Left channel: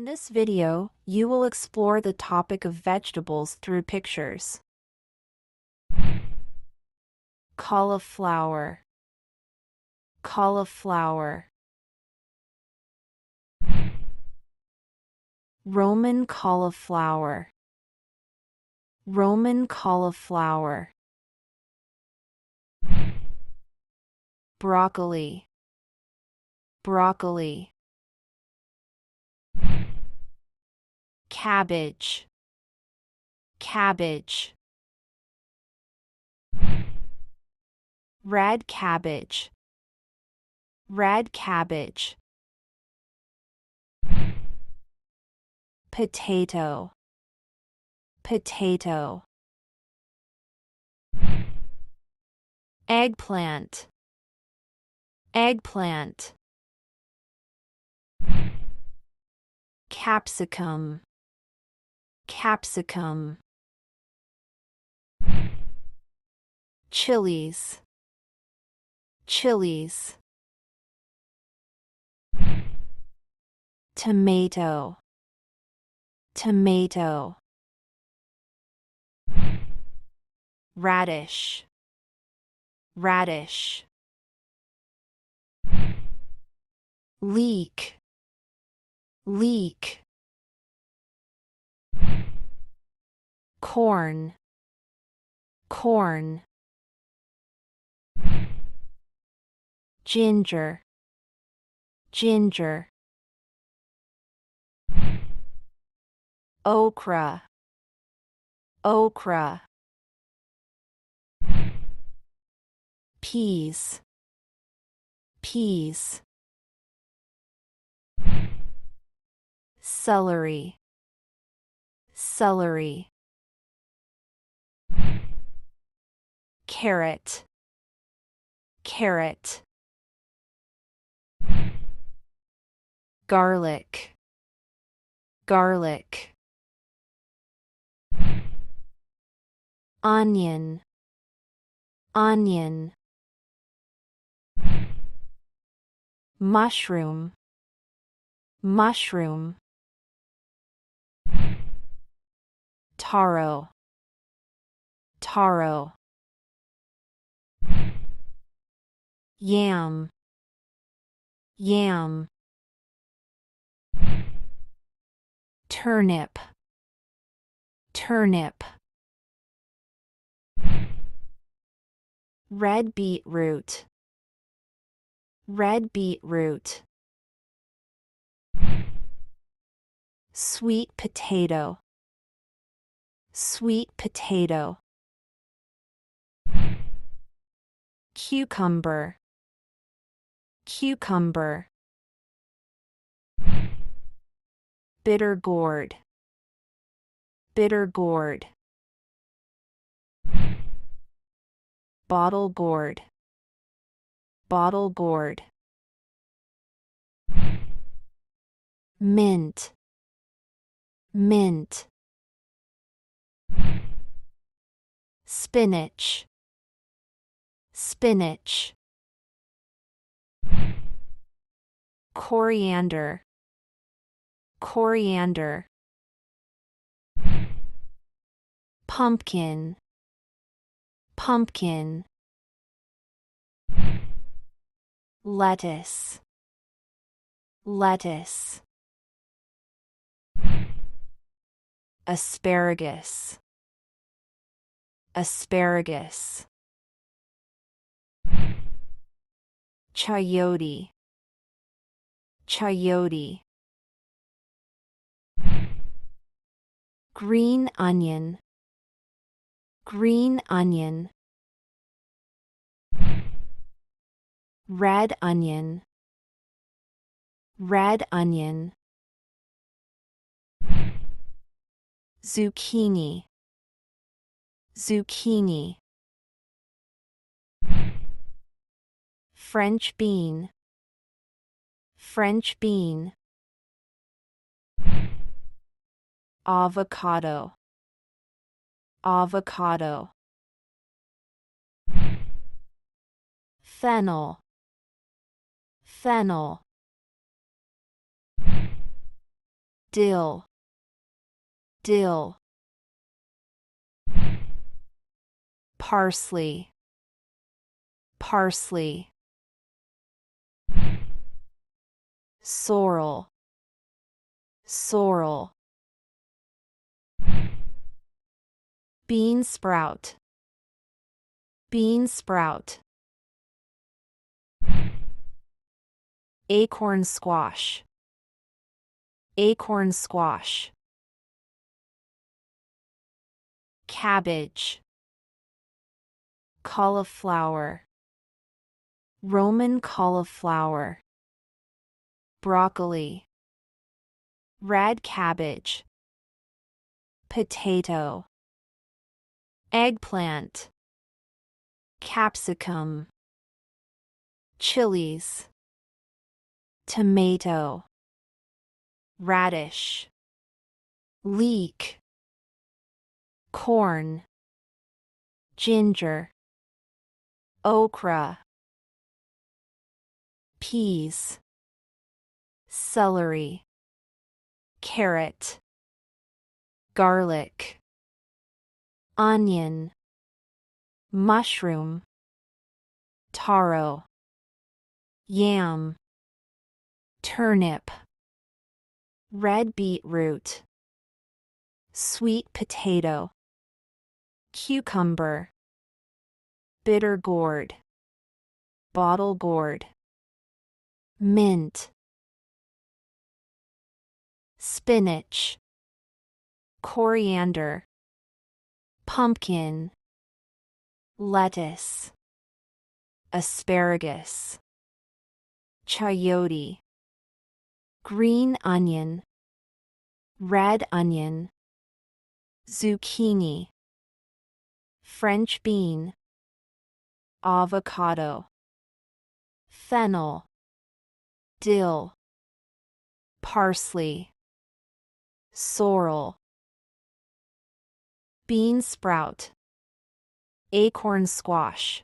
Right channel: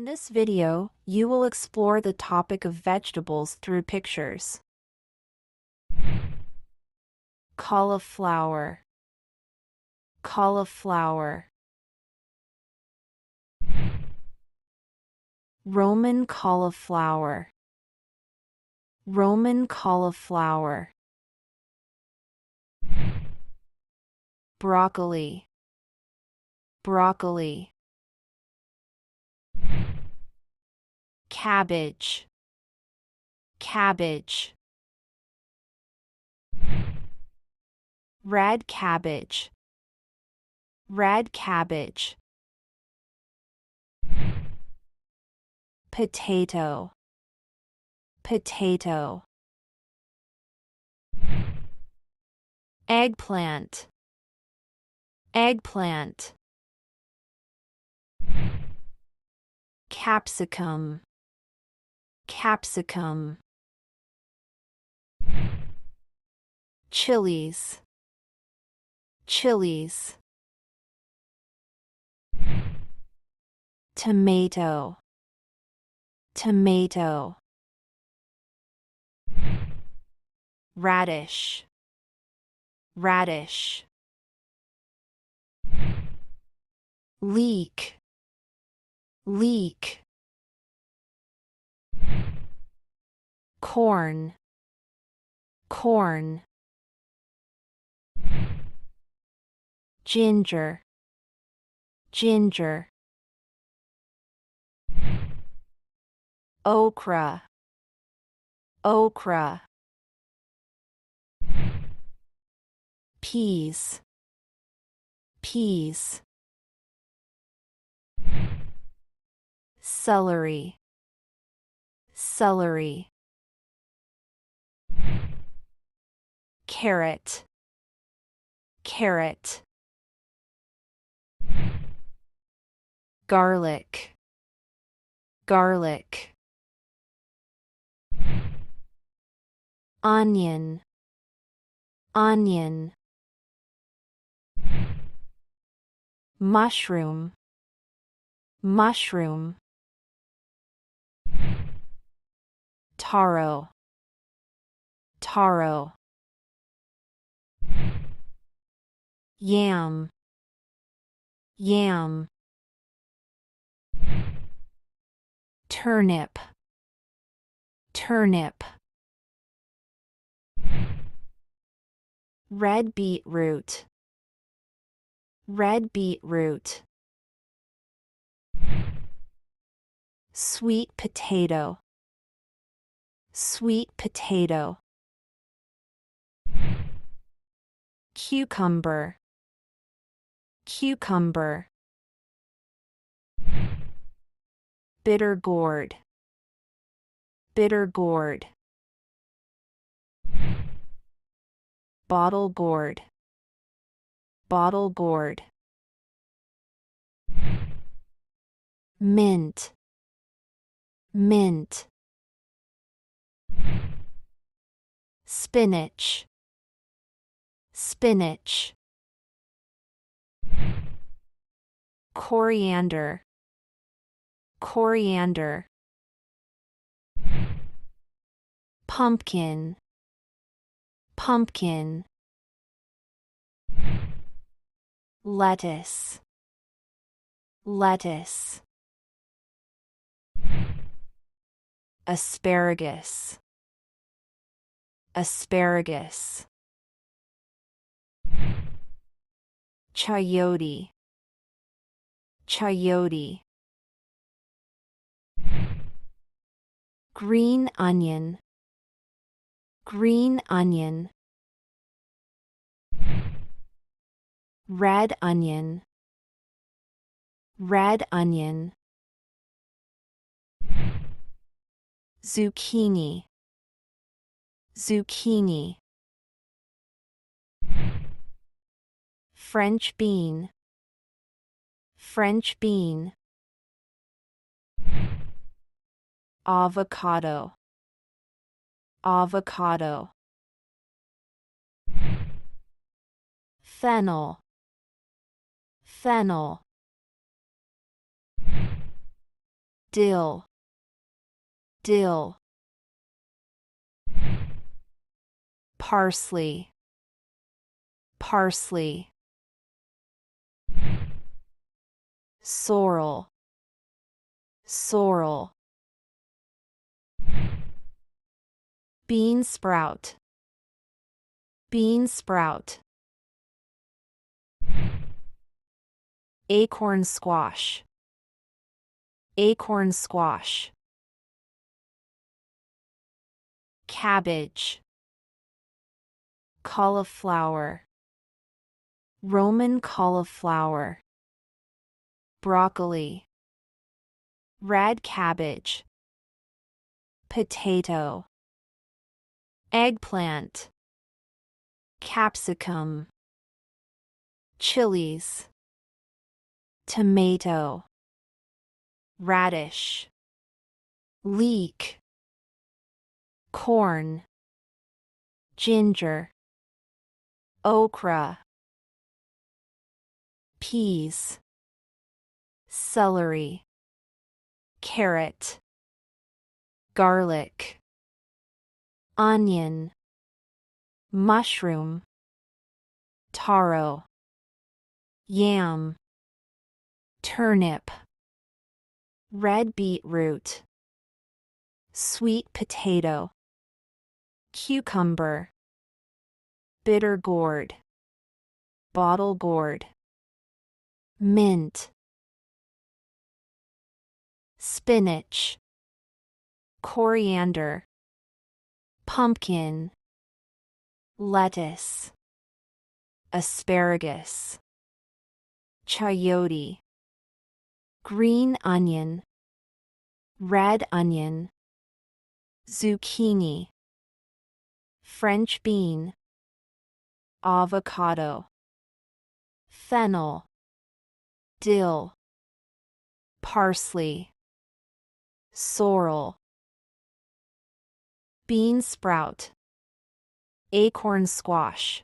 In this video, you will explore the topic of vegetables through pictures. Cauliflower, cauliflower. Roman cauliflower, Roman cauliflower. Broccoli, broccoli. Cabbage, cabbage. Red cabbage, red cabbage. Potato, potato. Eggplant, eggplant. Capsicum, capsicum. Chilies, chilies. Tomato, tomato. Radish, radish. Leek, leek. Corn, corn. Ginger, ginger. Okra, okra. Peas, peas. Celery, celery. Carrot, carrot. Garlic, garlic. Onion, onion. Mushroom, mushroom. Taro, taro. Yam, yam. Turnip, turnip. Red beetroot, red beetroot. Sweet potato, sweet potato. Cucumber, cucumber. Bitter gourd, bitter gourd. Bottle gourd, bottle gourd. Mint, mint. Spinach, spinach. Coriander, coriander. Pumpkin, pumpkin. Lettuce, lettuce. Asparagus, asparagus. Chayote, chayote. Green onion, green onion. Red onion, red onion. Zucchini, zucchini. French bean, French bean. Avocado, avocado. Fennel, fennel. dill, dill. Parsley, parsley. Sorrel, sorrel. Bean sprout, bean sprout. Acorn squash, acorn squash. Cabbage, cauliflower, Roman cauliflower. Broccoli, red cabbage. Potato, eggplant, capsicum. Chilies, tomato, radish. Leek, corn, ginger. Okra, peas. Celery, carrot. Garlic, onion. Mushroom, taro. Yam, turnip. Red beetroot, sweet potato. Cucumber, bitter gourd, bottle gourd. Mint, spinach, coriander. Pumpkin, lettuce. Asparagus, chayote. Green onion, red onion. Zucchini, French bean. Avocado, fennel. Dill, parsley. Sorrel, bean sprout. Acorn squash.